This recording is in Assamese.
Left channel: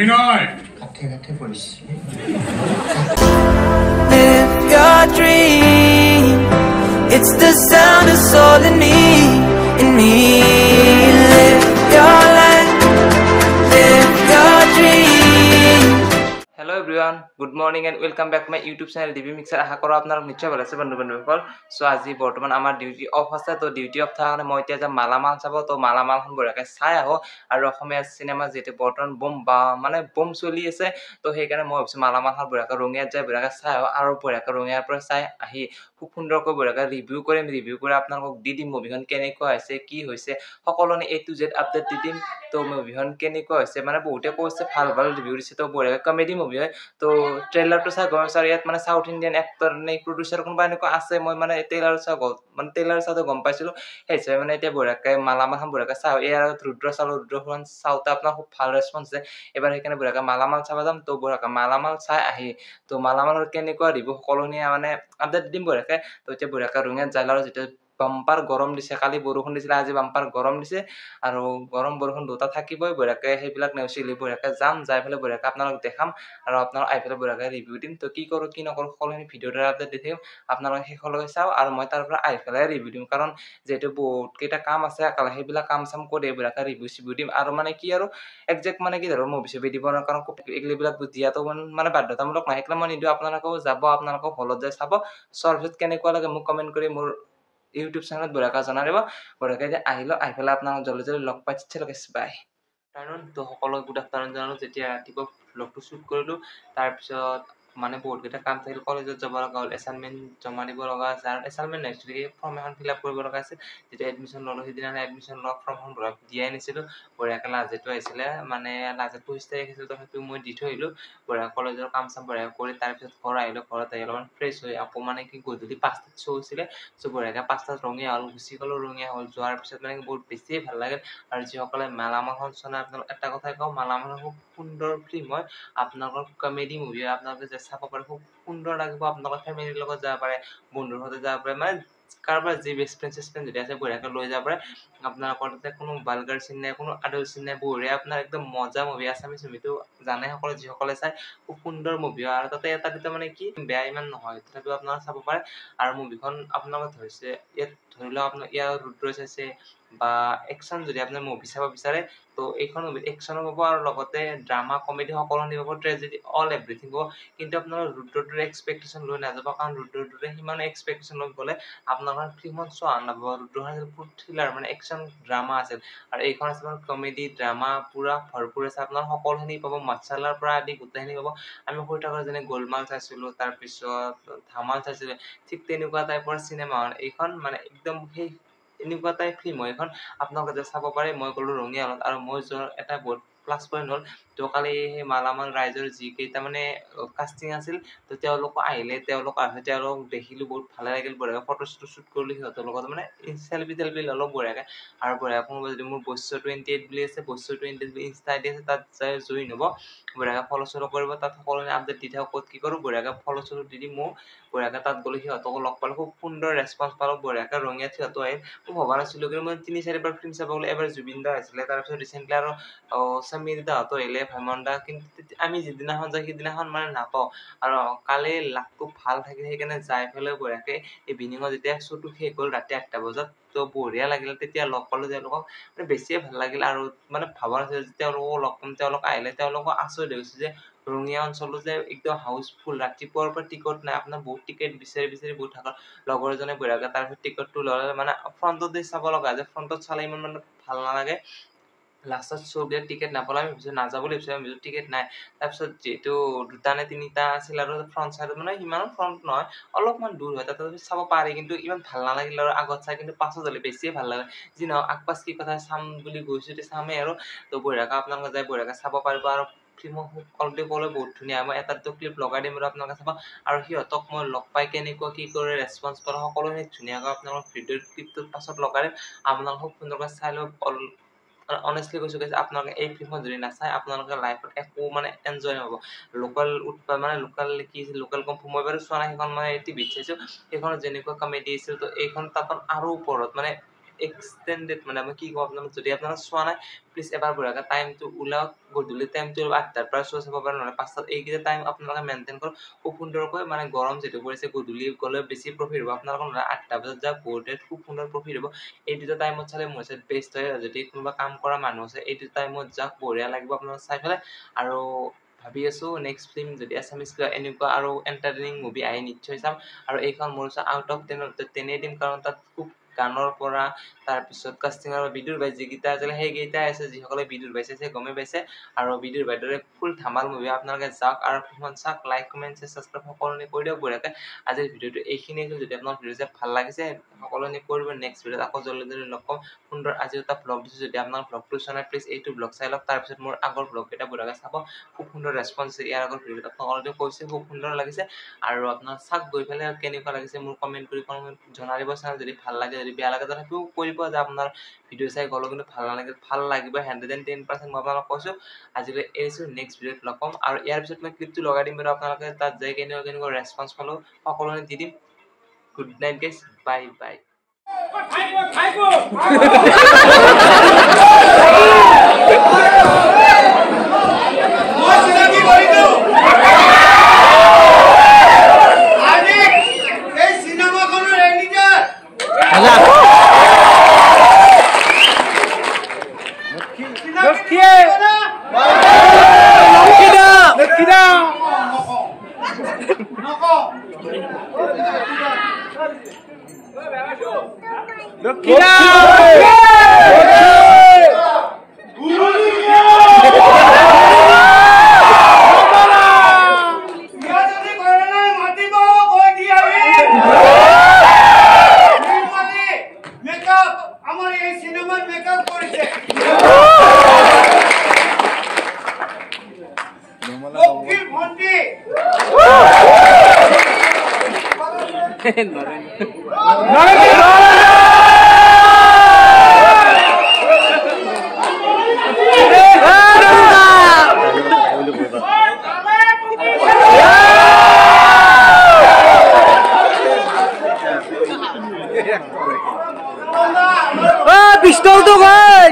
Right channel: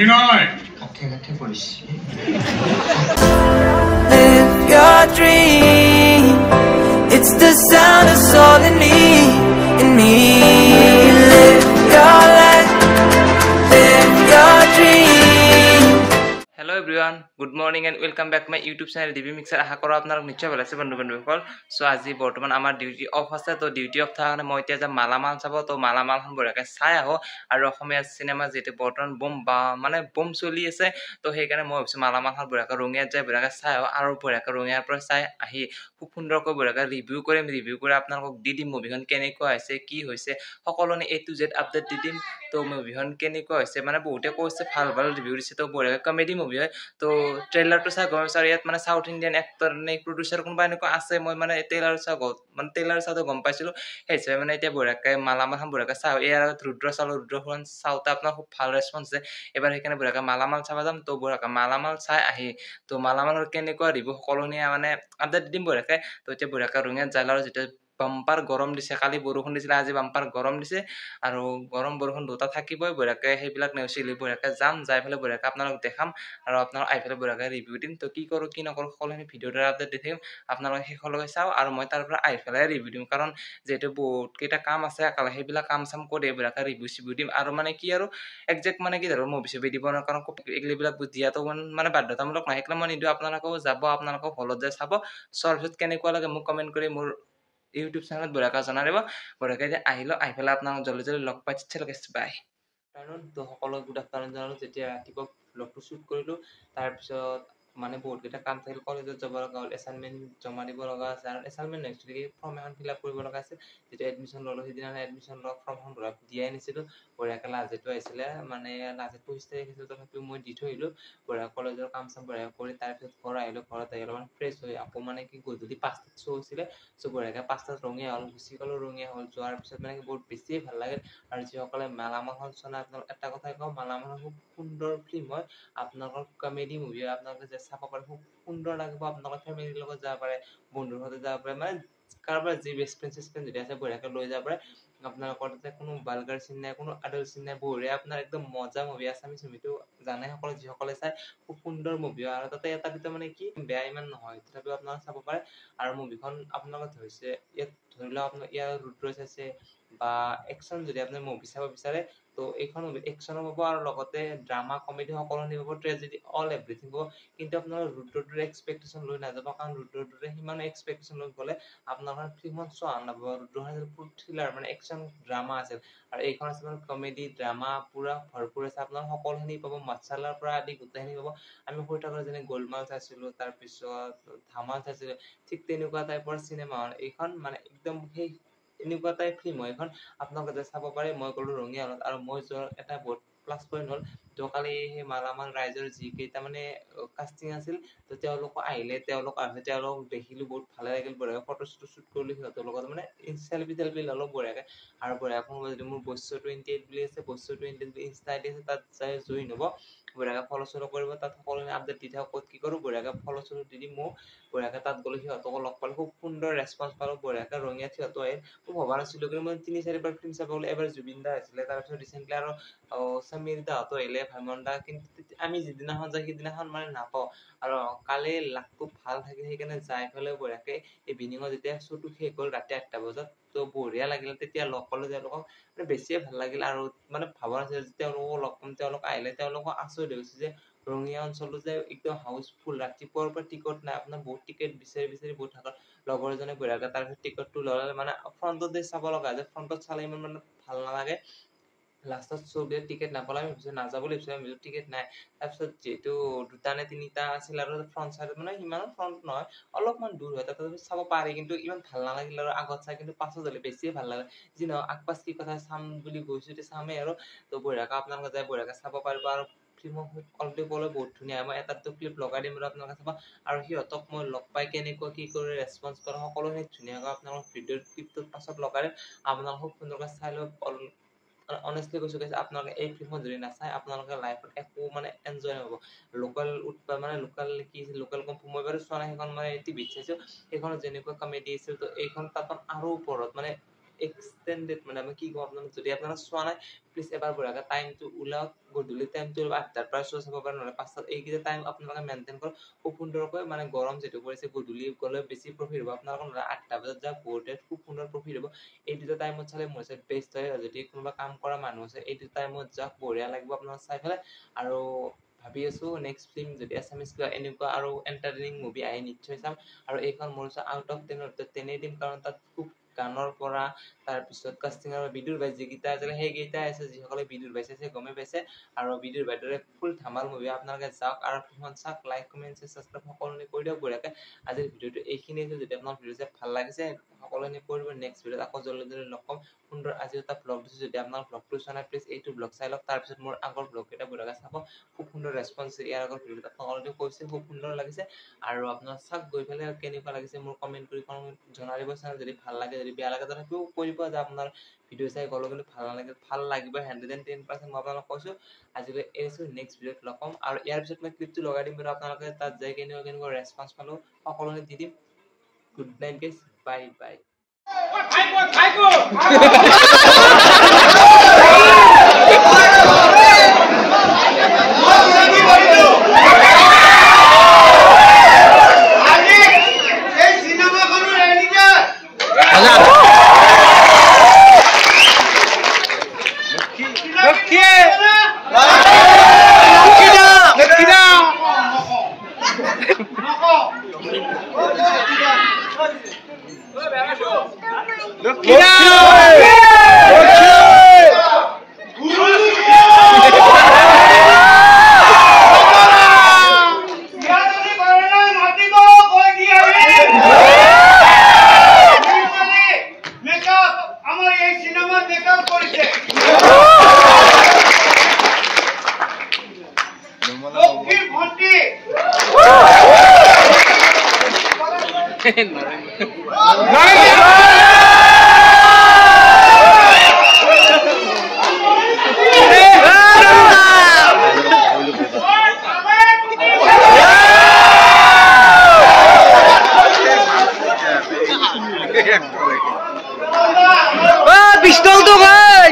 অভিনয় কাঠে কাঠে পৰিছে Live your dream. It's the sound of soul in me. Live your life, live your dream. Hello everyone, good morning and welcome back to my YouTube channel DB Mixer. আশা কৰো আপোনালোক নিশ্চয় ভাল আছে বন্ধুসকল। সো আজি বৰ্তমান আমাৰ ডিউটি অফ আছে, তো ডিউটি অফ থাকাৰণে মই এতিয়া যাম মালামাল চাব। তো মালামালখন বঢ়িয়াকৈ চাই আহো, আৰু অসমীয়া চিনেমা যিহেতু বৰ্তমান বুম চলি আছে, তো সেইকাৰণে মই ভাবিছোঁ মালামালখন বঢ়িয়াকৈ ৰঙিয়াত যাই বঢ়িয়াকৈ চাই আহো, আৰু বঢ়িয়াকৈ ৰঙিয়াৰ পৰা চাই আহি খুব সুন্দৰকৈ বঢ়িয়াকৈ ৰিভিউ কৰিম। ৰিভিউ কৰি আপোনালোকক দি দিম মুভিখন কেনেকুৱা হৈছে, কি হৈছে, সকলোনে A to Z আপডেট দি দিম। তো মুভিখন কেনেকুৱা হৈছে, মানে বহুতে কৈছে ভাল ভাল ৰিভিউ দিছে, তো বঢ়িয়াকৈ কমেডি মুভি হয়। তো ট্ৰেইলাৰটো চাই গম পাইছোঁ, আৰু ইয়াত মানে চাউথ ইণ্ডিয়ান এক্টৰ নে প্ৰডিউচাৰ কোনোবা এনেকুৱা আছে, মই মানে ট্ৰেইলাৰ চাওঁতে গম পাইছিলোঁ। সেই হিচাপে মানে এতিয়া বঢ়িয়াকৈ মালামালখন বঢ়িয়াকৈ চাওঁ। ইয়াৰ ৰুদ্ৰ চালোঁ, ৰুদ্ৰখন চাওঁতে আপোনাৰ খুব ভাল ৰেচপঞ্চ আছে এবাৰ, সেইকাৰণে বঢ়িয়াকৈ মালামাল চাব যাম। তো বঢ়িয়াকৈ মালামাল চাই আহি তো মালামালৰ কেনেকুৱা ৰিভিউ সকলোনে মানে আপডেট দিম বঢ়িয়াকৈ। তো এতিয়া বঢ়িয়াকৈ ৰঙিয়াত যায়, আৰু যেতিয়া বাম্পাৰ গৰম দিছে, কালি বৰষুণ দিছিলে, আজি বাম্পাৰ গৰম দিছে, আৰু গৰম বৰষুণ দুটা থাকিবই। বঢ়িয়াকৈ সেইবিলাক নেওচিলি বঢ়িয়াকৈ যাম, যাই পেলাই বঢ়িয়াকৈ আপোনালোক দেখাম, আৰু আপোনালোক আহি পেলাই বঢ়িয়াকৈ ৰিভিউ দিম। তো কি কৰোঁ কি নকৰোঁ সকলোখিনি ভিডিঅ'ৰ দ্বাৰা আপডেট দি থাকিম, আপোনালোকে শেষলৈকে চাওঁ, আৰু মই তাৰ পৰা আহি পেলাই ৰিভিউ দিম। কাৰণ যিহেতু বহুতকেইটা কাম আছে একেলগে, সেইবিলাক কাম চাম কৰি বঢ়িয়াকৈ ৰিভিউ চিভিউ দিম। আৰু মানে কি আৰু একজেক্ট মানে কি ধৰক মুভি চুভি দিব নোৱাৰোঁ, কাৰণ এইবিলাক দিয়াটো মানে বাধ্যতামূলক নহয়, সেইকাৰণে মই নিদিওঁ। আপোনালোকেও যাব, আপোনালোকেও হলত যায় চাব, চোৱাৰ পিছত কেনেকুৱা লাগে মোক কমেণ্ট কৰি মোৰ ইউটিউব চেনেলত বঢ়িয়াকৈ জনাই দিব। বঢ়িয়াকৈ আহিলোঁ, আহি পেলাই আপোনাক জলদি জলদি লগ পাই বাই। তো সকলোকে গুড আফটাৰনুন জনালোঁ। যেতিয়া ৰাতিপুৱা ব্লগটো শ্বুট কৰিলোঁ, তাৰপিছত মানে বহুতকেইটা কাম থাকিল, কলেজত যাব লগা হ'ল, এছাইনমেণ্ট জমা দিব লগা আছে, আৰু এছাইনমেণ্ট নেক্সট উইকে ফৰ্ম এখন ফিল আপ কৰিব লগা আছিল। যেতিয়া এডমিশ্যন ল'লোঁ, সেইদিনা এডমিশ্যন লোৱা ফৰ্মখন দিয়াই নিছিলোঁ। বঢ়িয়াকৈ লাজেটো আহিছিলে, মানে লাজেটো 25 তাৰিখ আছিল, তো সেইটো মই দি থৈ আহিলোঁ। বঢ়িয়া কলেজৰ কাম চাম বঢ়িয়া কৰি তাৰপিছত ঘৰ আহিলোঁ। ঘৰত আহি অলপমান ফ্ৰেছ হৈ আকৌ মানে কি গধূলি 5টাত শ্ব' হৈছিলে, চ' বঢ়িয়াকৈ 5টাত ৰঙিয়া হ'ল, গুচি গ'লোঁ। ৰঙিয়া হ'ল যোৱাৰ পিছত মানে বহুত বেছিয়ে ভাল লাগে। আৰু যিসকলে মালামালখন চলাই, আপোনালোক এটা কথাই কওঁ, মালামাল খুব সুন্দৰ ফিল্ম হয়, আপোনালোকৰ কমেডি মুভি হয়, আপোনালোকে যে চাব পাৰে খুব সুন্দৰ লাগিব। আপোনালোকৰ ফেমিলিৰ লগত যাব পাৰে, বন্ধুৰ সৈতে যাব পাৰে, মানে কাৰোবাৰ যি বেষ্ট ফ্ৰেণ্ড চেষ্ট যদি আছে বঢ়িয়াকৈ লৈ যাব পাৰে। আপোনালোকৰ তাতে কোনো ভালগাৰ চিন নাই, কোনো আডাল্ট চিন নাই, বঢ়িয়া আপোনাৰ একদম মজা মুভি। আছামিজ মুভিটো জানে সকলে, যিসকলে চাই খুব সুন্দৰ মুভি হয়, আৰু তাতে এটা দুটা মানে কি বেয়া ইমান নহয়, তথাপিও আপোনালোকে চাব পাৰে। আৰু মুভিখন আপোনালোকে ধৰিছে, ইয়াত ধৰি লওক আপোনাৰ ইয়াৰ ৰুদ্ৰ চাইছে বা একশ্যন যদি আপোনাৰ মুভি চাব বিচাৰে, তো এইখন মুভিত একশ্যনো পাব, আৰু লগতে ড্ৰামা কমেডি সকলো পাব, ট্ৰেজেডি অল এভৰিথিং পাব। কিন্তু আপোনাৰ ৰুদ্ৰটোৰে এক্সপেক্টেশ্যন লৈ নাযাব, কাৰণ ৰুদ্ৰটোৰে সিমান এক্সপেক্টেশ্যন লৈ গ'লে আপোনালোকৰ ফিল্মখন চোৱা নাপাব। ৰুদ্ৰখন ফুল থ্ৰিলাৰ মানে একশ্যন ড্ৰামা আছিল, আৰু এইখন আছে আপোনাৰ কমেডি ড্ৰামা পুৰা ভৰপূৰ আছে। আপোনাৰ সকলোখিনি পাব, মছলাৰ পৰা আদি গোটেইখিনি পাব। আমি সৰু থাকোঁতে যেনে গোলমাল চাইছিলোঁ, তাৰপিছত ধামাল চাইছিলোঁ, ঠিক তেনেকুৱা টাইপৰ চিনেমা হয় এইখন, মানে একদম সেই এনেকুৱা টাইপ ফিল্ম হয় এইখন, আপোনালোকে চাব পাৰে। মই গ'লোঁ ৰঙিয়া হলত, আৰু মই যোৱাৰ এটা বহুত প্লাছ পইণ্ট হ'ল, তো কালি সেই মালামাল ৰাইজৰ যিকেইটা মানে কাষ্টিং আছিল, তো তেওঁলোকো আহিলে, তেওঁলোক দেখিলোঁ, বহুত ভালে লাগিল। বঢ়িয়াকৈ ফটো চটো শ্বুট কৰিলোঁ সিহঁতৰ লগত, মানে চেলফি টেলফি ল'লোঁ বঢ়িয়াকৈ। আৰু বঢ়িয়া কোনোবা যদি মোৰ বৈশ্য 28 বুলি আছে, বৈশ্য 28 বুলি ইনষ্টা আইডি আছে, তাত যাই জইন হ'ব, বঢ়িয়াকৈ ফ'ল' চ'ল কৰিব, তাত সকলোৱে আপডেট দি থাকক ক'ত কি কৰোঁ। বঢ়িয়াকৈ ফ'ল' চ'ল দি দিম মোক, বঢ়িয়াকৈ তাত গ'লে সিহঁতকো লগ পালোঁ, খুব সুন্দৰ ৰেচপঞ্চ পালোঁ। বঢ়িয়াকৈ ৰঙিয়াত সিহঁতো আহিল, মই ভবা নাছিলোঁ, কিন্তু মই 3-4বাৰ ফিল্ম চাব গ'লো। এবাৰ জুবিন দা আহিছিলে, তাৰপিছত ৰিচেণ্টলি আৰু সমীৰ দাহঁতো আহিলে, ভাইমন দা, কিন্তু আমি যিদিনাখন যাওঁ সিদিনাখন মানে নাপাওঁ। আৰু কালি লাকটো ভাল থাকিল, সেইকাৰণে যাই পেলাই বঢ়িয়াকৈ ইভিনিঙত যেতিয়া শ্ব'টো শেষ হ'ল ৰাতি 8টা বজাত, তো বঢ়িয়া লাগিল, তেতিয়া লগ পালোঁ তেওঁলোকক, মানে বেছিয়ে ভাল লাগিল। আৰু মানে ভাবা নাছিলোঁ যে তেওঁলোকক লগ পাম, তেওঁলোক আহিলে, তেওঁলোকক আচৰিত হৈছে যে ৰঙিয়া অঞ্চলটো যে একদম হাউচফুল, ৰাতিপুৱাৰ পৰা টিকট নাই, আপোনাৰ বহুত টিকেট বিচাৰি বিচাৰি বহুত থাকক। লগৰ এজনে বঢ়িয়াকৈ তাৰপিছত টিকটটো ল'লে, মানে ফ্ৰণ্টতে চাব লগা যে, ফ্ৰণ্টত চালে ইমান মানে ভাল নালাগে। লাষ্টত শ্ব'বিলাক টিকেট নাপালে, আমি ভাবিছোঁ নাযাওঁ বুলি ভাবিছোঁ, আমি ভাবিছোঁ টিকেট নাই। তাৰপিছত যিহেতু 2টা নে 3টা আছিল, আৰু ফ্ৰণ্ট চাইডত মানে ইমানো ফ্ৰণ্ট নহয়, অলপমান দূৰ হয়, তাতে চাব পাৰি, কিন্তু ইমান ভাল নালাগিল। আৰু আগত চাই কিন্তু পাছত হ'লে বেছিয়ে ভাল লাগে। যি নহওক আগপাছ কি কথা, চাম বুলি গৈছোঁ এতিয়া চামেই আৰু। তো বঢ়িয়াকৈ আপোনালোকে যাই বঢ়িয়াকৈ চাব পাৰিব। আৰু ফিল্মখন কোৱালিটি ক'লে বহুত ধুনীয়া, মই এটা দুটা ক্লিপ লগাই দিম, আৰু আপোনালোকে চাব। আৰু সিহঁতক মই লগ পাই কেনেকুৱা কি কৰে, ৰেচপঞ্চ পালোঁ, সকলোখিনি ধুনীয়াকৈ আপোনালোকক ভিডিঅ'ৰ ক্লিপটোৰ পাছত লগাই দিম, আপোনালোকে খুব সুন্দৰকৈ চাই ল'ব। অনেষ্টলি কৈছোঁ গাইজ, আপোনালোকে এই ফিল্মখন যদি নাচায়, আপোনালোকে লাইফত একো মানে এনজয় নহ'ব। লোকেল কম্ফু মই বাৰু চোৱা নাই, সেইখন মই টিভিত চাইছোঁ। সেইখনত যেনেকুৱা কমেডি আছিল, তো এইখন তাত আৰু ওপৰত, মানে এক্সটেন্ডেড মানে আমি কি কম আপোনালোক যদি আপোনালোক চোৱা নাই প্লিজ এবাৰ বঢ়িয়াকৈ টাইমটো ওলাওক গধূলি টাইমটো 8টাৰ পৰা চাব পাৰে নহ'লে 5টাত এইকেইটা টাইম আপোনালোকে মেইনটেইন কৰক খুব সুন্দৰকৈ মানে গৰম যিটো পৰিছে গধূলি গ'লে বেছি প্ৰফিট হ'ব আপোনালোকৰ নহ'লে 8টা বজাত যাওক বহুতে খুব সুন্দৰ প্ৰফিট হ'ব এই দুটা টাইমত চালে মোৰ হিচাপত বেষ্ট হয় যদি কোনোবা কাম কৰা মানুহ আছে এই দুটা টাইমত যাওক বঢ়িয়া লাগিব আপোনালোক চাই পেলাই আৰু ভাবি আছো নেক্সট ফিল্ম যদি আছামিজ কিবা এনেকুৱা আৰু এণ্টাৰটেইনিং মুভি আহি নিশ্চয় চাম আৰু এইখন মোৰ আউট অফ 10 দিম কাৰণ তাত খুব গানৰ পৰা তাৰপিছত কাষ্টিঙৰ বিদুৰ ভাই যিকেইটা আছিলে সেইকেইটাই আছে যিসকলে বিদুৰ ভাই চাইছে গমে পাইছে আৰু বিদুৰ ভাইৰ দৰে ফুল ধামাল মুভি আপোনালোকে যাওক আৰু ফিল্মখন চাওক লাইক কমেণ্ট ছাবস্ক্ৰাইব সকলোনে কৰি দিয়ক বঢ়িয়াকৈ আজিৰ ভিডিঅ'টো এইখিনিয়ে যদি আপোনাৰ ভিডিঅ' চাই ভাল লাগিছে সকলোনে কৰিব নেক্সট ভিডিঅ'ত আকৌ জলদি লগ পাম সুন্দৰ আজি এটা ব্লগ দিছোঁ যদি আপোনাৰ ব্লগটো চোৱা নাই প্লিজ এইটো ব্লগ চাই লওক তাৰপিছত মোৰ আগৰ ব্লগকেইটা বঢ়িয়াকৈ চাব খুব সুন্দৰ ৰেছপন্স ইয়াৰ আগৰ ভিডিঅ'ত আপোনালোকে কৈছে খুব সুন্দৰ লাগিছে আৰু আপোনাৰ চাওক গৈ পেলাই কেনেকুৱা লাগিছে মোৰ কমেণ্ট কৰি জনাই দিব চাওঁ যদি ভাল লাগে যদি বেয়া লাগে তথাপিও কৰিব যে আপোনাৰ ভিডিঅ' চাই গ'লেও কিন্তু ভাল লাগিব 110% মই আপোনালোকক কৈছোঁ আজিলৈ এৰিছোঁ নেক্সট ভিডিঅ'ত লগ পাম আৰু ইয়াৰ পিছত মই ক্লিপটো লগাই দিম বাৰু আপোনালোকে তাত যাই কেনেকুৱা ৰেছপন্স পালোঁ সকলোৱে দি দিম good night guys bye bye পিস্তল তো ভাই